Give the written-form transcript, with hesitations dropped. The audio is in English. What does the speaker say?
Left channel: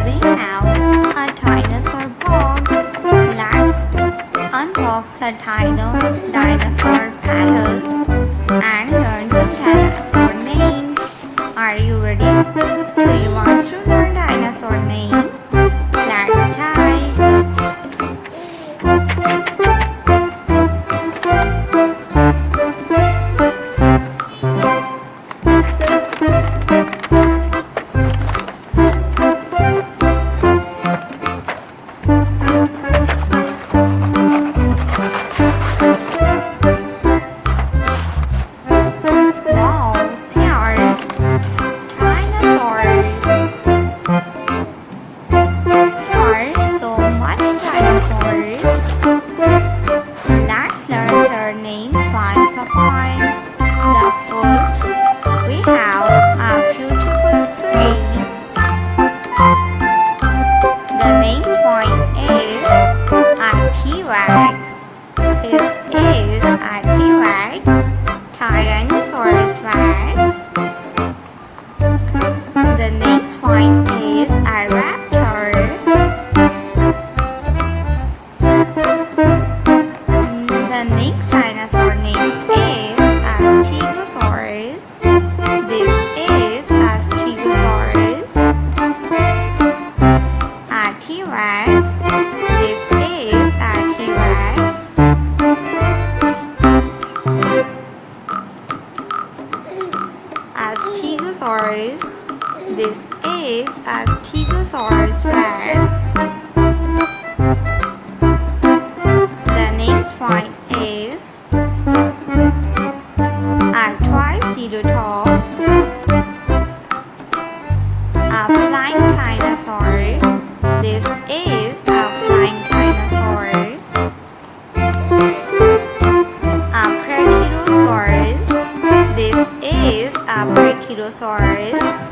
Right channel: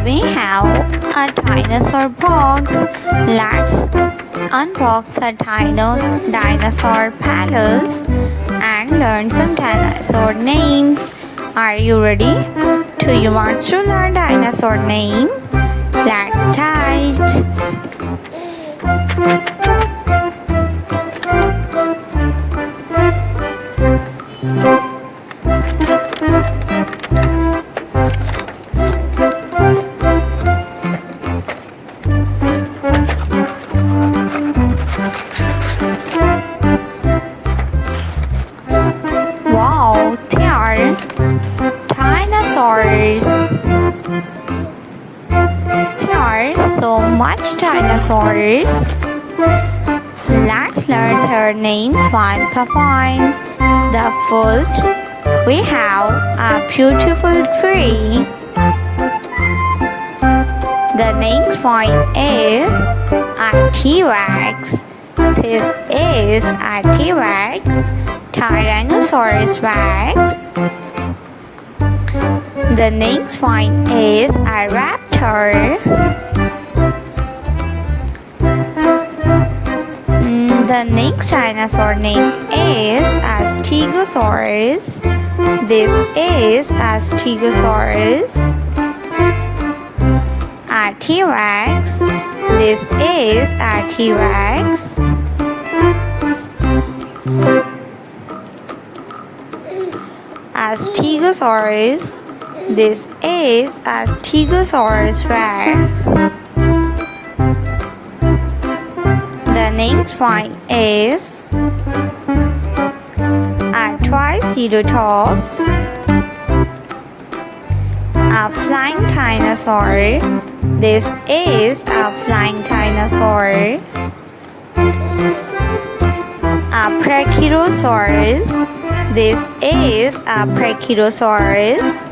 Today we have a dinosaur box. Let's unbox the dinosaur palace and learn some dinosaur names. Are you ready? Do you want to learn dinosaur name? Let's start. Wow, there are dinosaurs. There are so much dinosaurs. Let's learn their names one by one. The first, we have a beautiful tree. The next one is a T-Rex. This is a T-Rex, Tyrannosaurus Rex. The next one is a raptor. The next dinosaur name is a Stegosaurus. This is a Stegosaurus. A T-Rex. This is a T-Rex. A Stegosaurus. This is a Stegosaurus Rex. The next one is a Triceratops. A flying dinosaur. This is a flying dinosaur. A Brachiosaurus. This is a Brachiosaurus.